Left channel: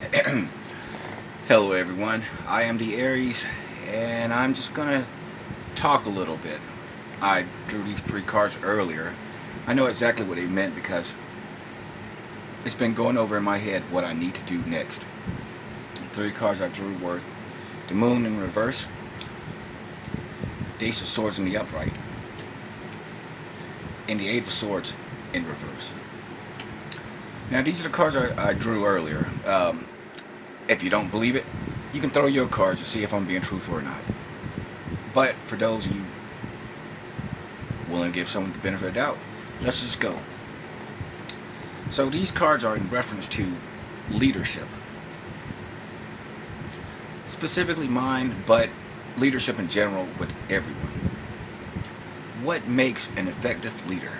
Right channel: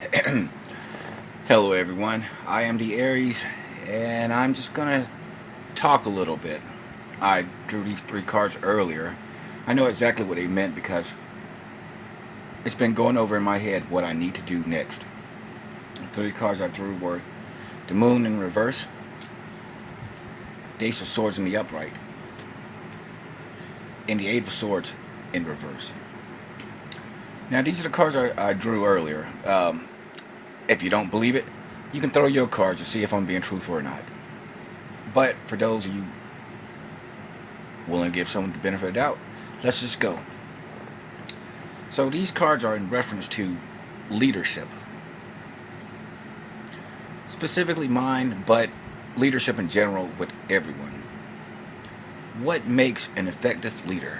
Hello, everyone. I am the Aries, and I'm just gonna talk a little bit. I drew these three cards earlier. I know exactly what they meant because it's been going over in my head what I need to do next. The three cards I drew were the Moon in reverse, the Ace of Swords in the upright, and the Eight of Swords in reverse. Now, these are the cards I drew earlier. If you don't believe it, you can throw your cards to see if I'm being truthful or not. But for those of you willing to give someone the benefit of the doubt, let's just go. So these cards are in reference to leadership, specifically mine, but leadership in general with everyone. What makes an effective leader?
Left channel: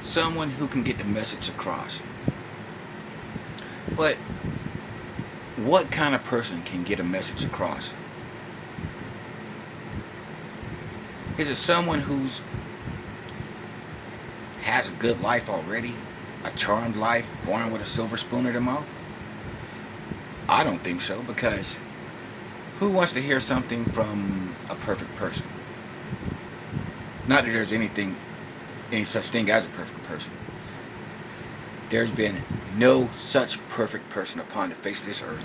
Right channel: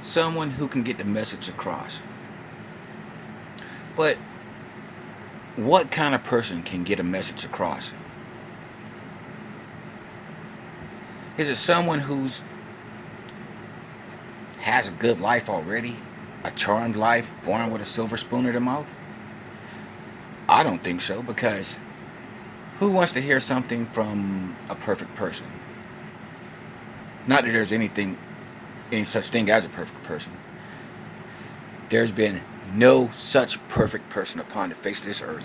Someone who can get the message across. But what kind of person can get a message across? Is it someone who's has a good life already, a charmed life, born with a silver spoon in their mouth? I don't think so, because who wants to hear something from a perfect person? Not that there's any such thing as a perfect person. There's been no such perfect person upon the face of this earth.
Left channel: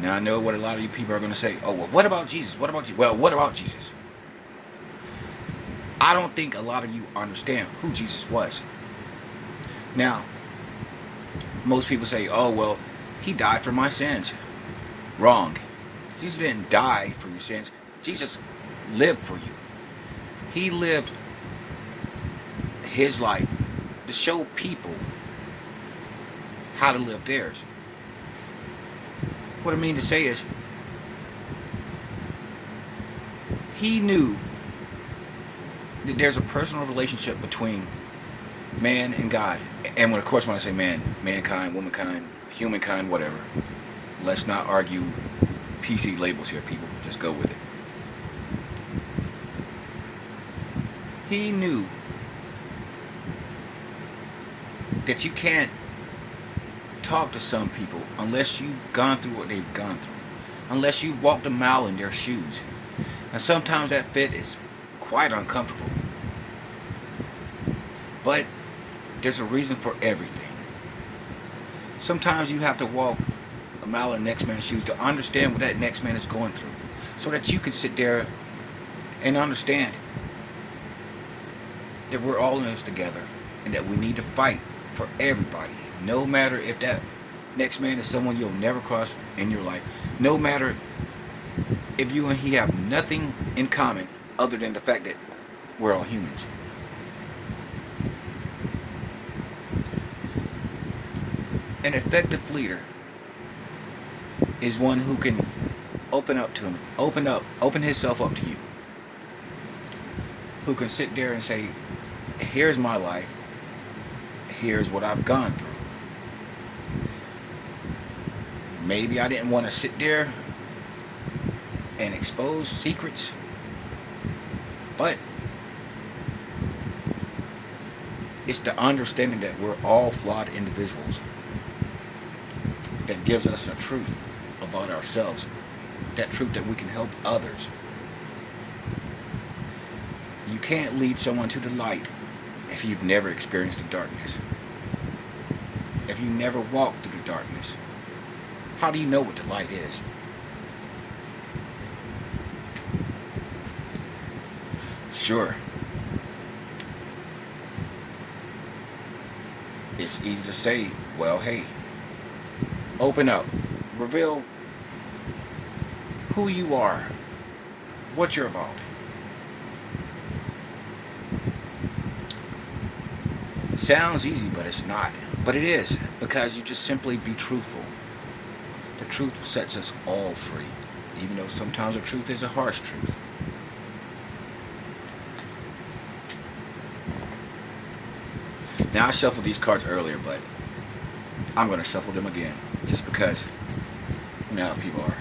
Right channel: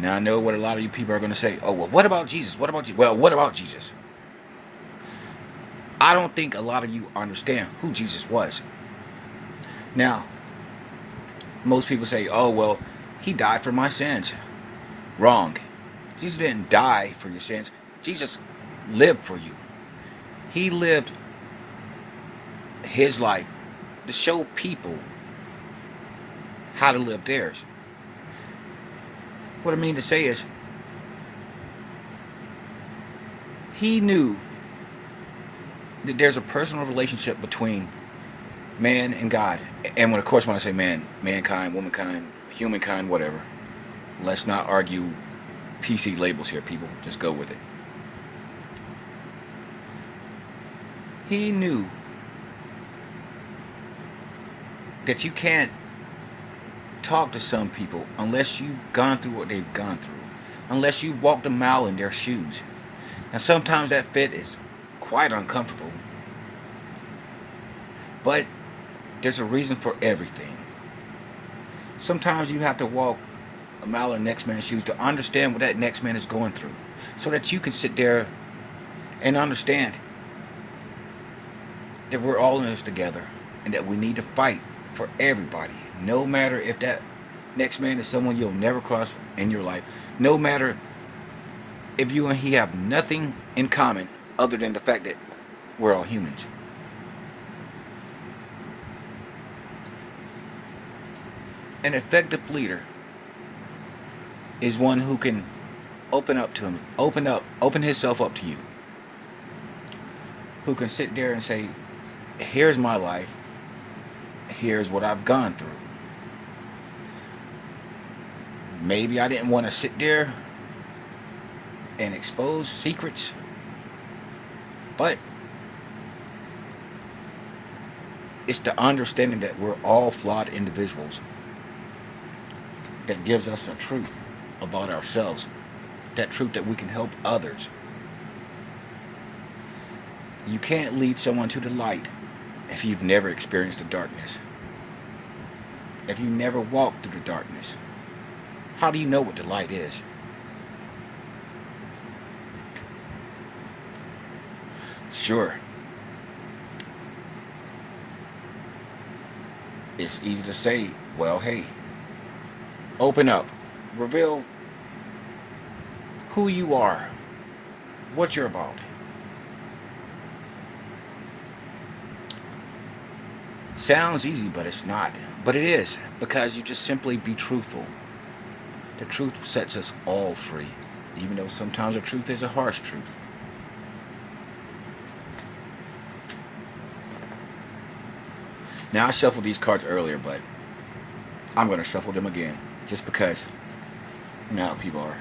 Now I know what a lot of you people are going to say. Oh, well, what about Jesus? What about Jesus? Well, what about Jesus? I don't think a lot of you understand who Jesus was. Now, most people say, oh, well, he died for my sins. Wrong. Jesus didn't die for your sins. Jesus lived for you. He lived his life to show people how to live theirs. What I mean to say is, he knew that there's a personal relationship between man and God. And when, of course, when I say man, mankind, womankind, humankind, whatever. Let's not argue PC labels here, people. Just go with it. He knew that you can't talk to some people unless you've gone through what they've gone through, unless you walked a mile in their shoes. And sometimes that fit is quite uncomfortable. But there's a reason for everything. Sometimes you have to walk a mile in the next man's shoes to understand what that next man is going through, so that you can sit there and understand that we're all in this together and that we need to fight for everybody, no matter if that next man is someone you'll never cross in your life, no matter if you and he have nothing in common other than the fact that we're all humans. An effective leader is one who can open himself up to you, who can sit there and say, here's my life, here's what I've gone through. Maybe I didn't want to sit there and expose secrets, but it's the understanding that we're all flawed individuals that gives us a truth about ourselves, that truth that we can help others. You can't lead someone to the light if you've never experienced the darkness, if you never walked through the darkness. How do you know what the light is? Sure, it's easy to say, well, hey, open up, reveal who you are, what you're about. Sounds easy, but it's not. But it is, because you just simply be truthful. The truth sets us all free, even though sometimes the truth is a harsh truth. Now, I shuffled these cards earlier, but I'm going to shuffle them again, just because now people are.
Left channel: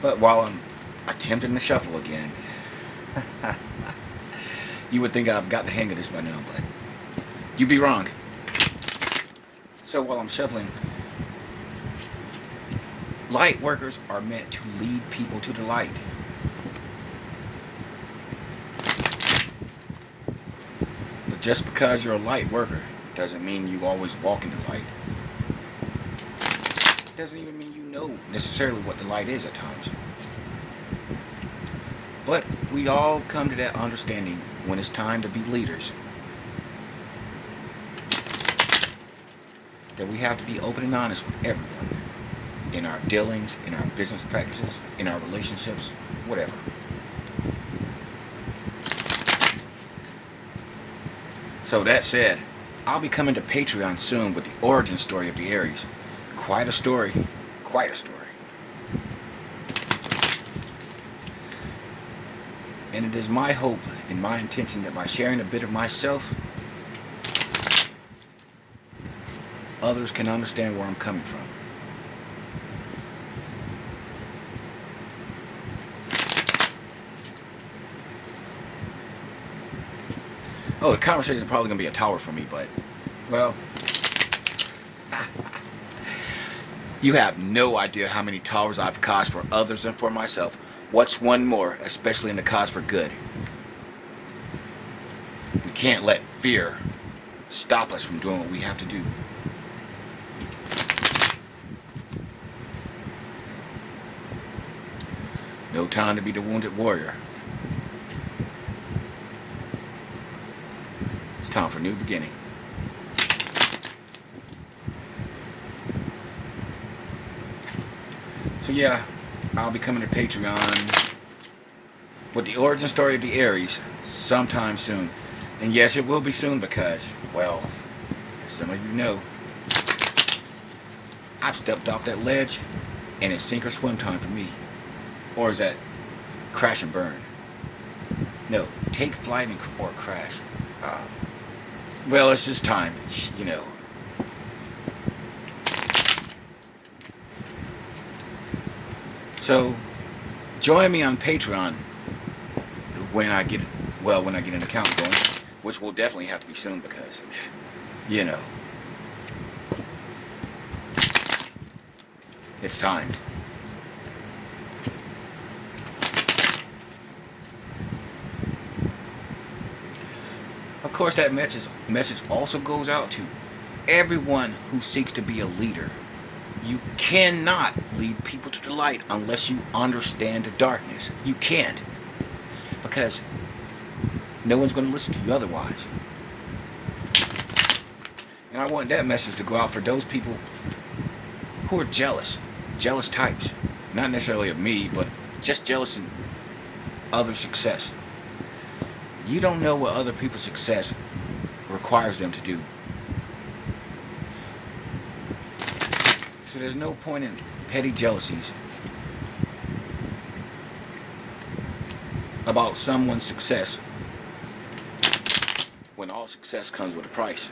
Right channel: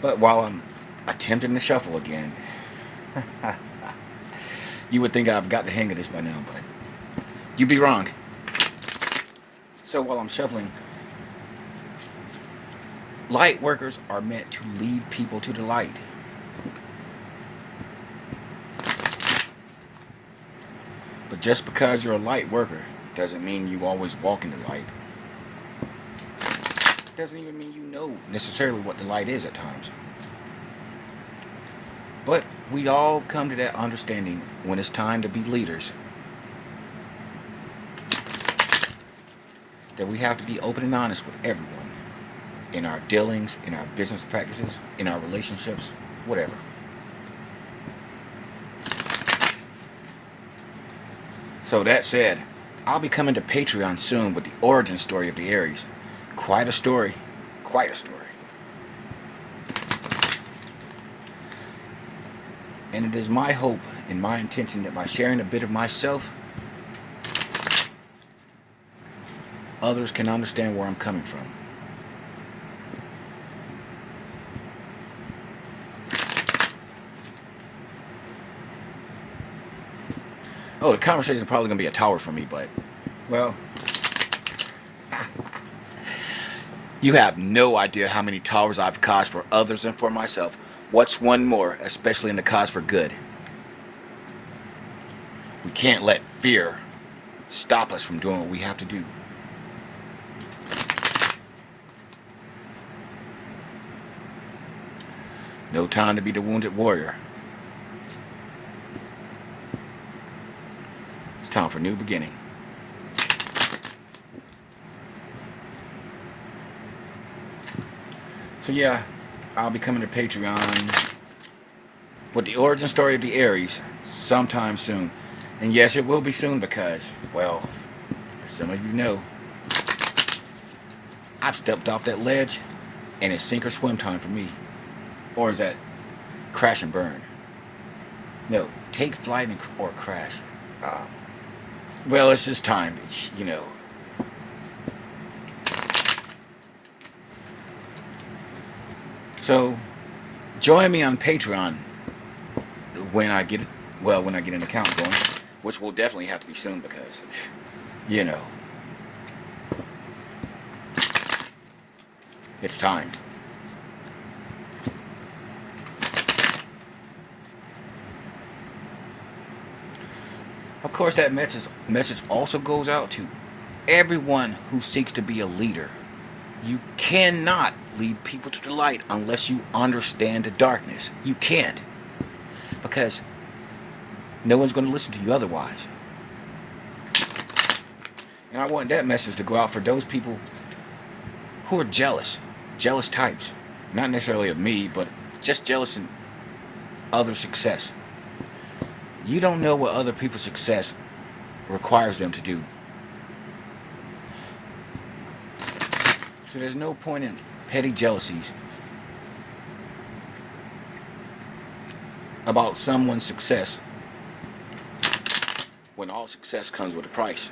But while I'm attempting to shuffle again, you would think I've got the hang of this by now, but you'd be wrong. So while I'm shuffling, light workers are meant to lead people to the light. But just because you're a light worker doesn't mean you always walk in the light. Doesn't even mean you know necessarily what the light is at times. But we all come to that understanding when it's time to be leaders, that we have to be open and honest with everyone in our dealings, in our business practices, in our relationships, whatever. So that said, I'll be coming to Patreon soon with the origin story of the Aries. Quite a story. Quite a story. And it is my hope and my intention that by sharing a bit of myself, others can understand where I'm coming from. Oh, the conversation is probably going to be a tower for me, but, well, you have no idea how many towers I've caused for others and for myself. What's one more, especially in the cause for good? We can't let fear stop us from doing what we have to do. No time to be the wounded warrior. It's time for a new beginning. So yeah, I'll be coming to Patreon with the origin story of the Aries sometime soon. And yes, it will be soon because, well, as some of you know, I've stepped off that ledge and it's sink or swim time for me. Or is that crash and burn? No, take flight or crash. Well, it's just time, you know. So, join me on Patreon when I get an account going, which will definitely have to be soon because, you know, it's time. Of course, that message also goes out to everyone who seeks to be a leader. You cannot lead people to the light unless you understand the darkness. You can't. Because no one's going to listen to you otherwise. And I want that message to go out for those people who are jealous types. Not necessarily of me, but just jealous in other success. You don't know what other people's success requires them to do. So there's no point in petty jealousies about someone's success when all success comes with a price.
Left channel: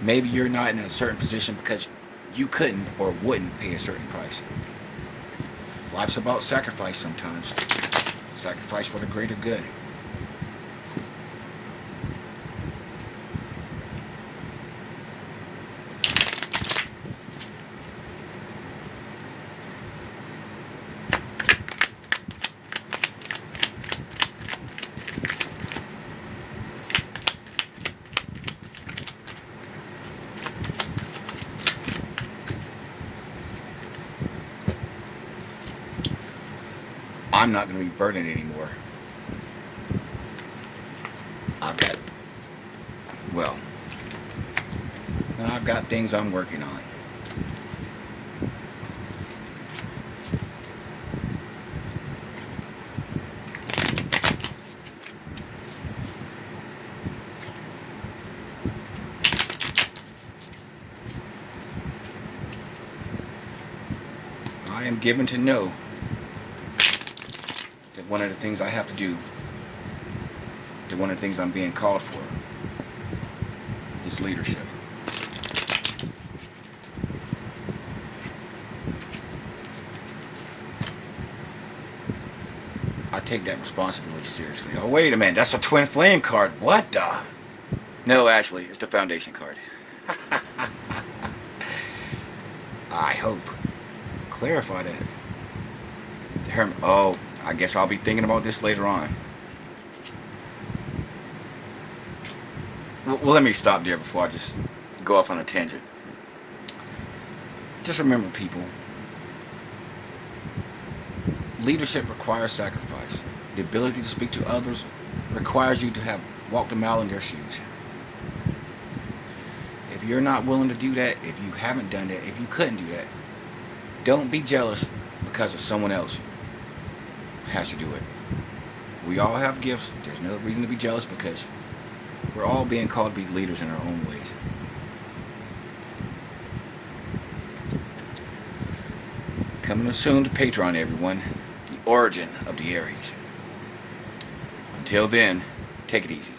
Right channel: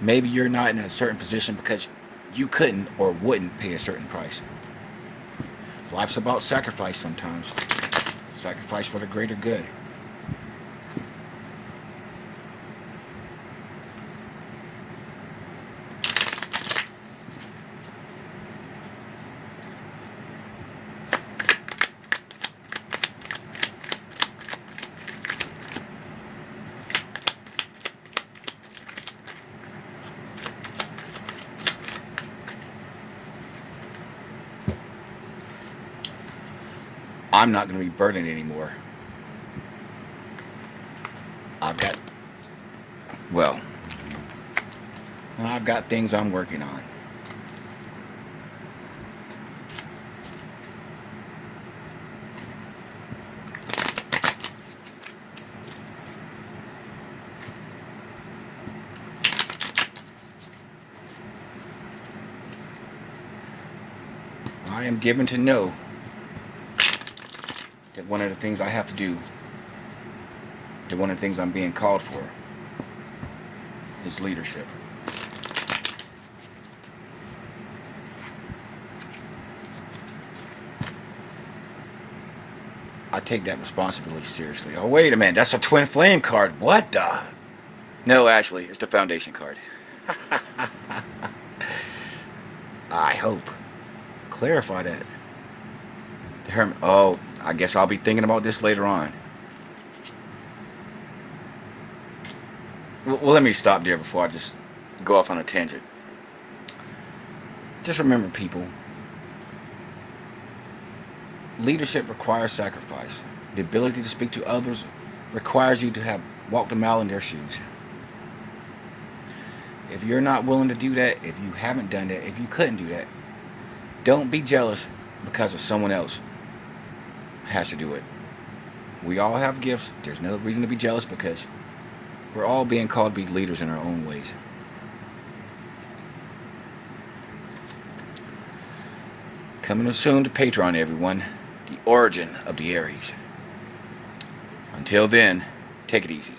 Maybe you're not in a certain position because you couldn't or wouldn't pay a certain price. Life's about sacrifice sometimes. Sacrifice for the greater good. I'm not going to be burdened anymore. I've got things I'm working on. I am given to know that one of the things I have to do, that one of the things I'm being called for, is leadership. I take that responsibility seriously. Oh, wait a minute. That's a twin flame card. What the? No, actually, it's the foundation card. I hope. Clarify that. The Hermit. Oh, I guess I'll be thinking about this later on. Well, let me stop there before I just go off on a tangent. Just remember, people, leadership requires sacrifice. The ability to speak to others requires you to have walked a mile in their shoes. If you're not willing to do that, if you haven't done that, if you couldn't do that, don't be jealous because of someone else has to do it. We all have gifts. There's no reason to be jealous because we're all being called to be leaders in our own ways. Coming soon to Patreon, everyone. The Origin of the Aries. Until then, take it easy.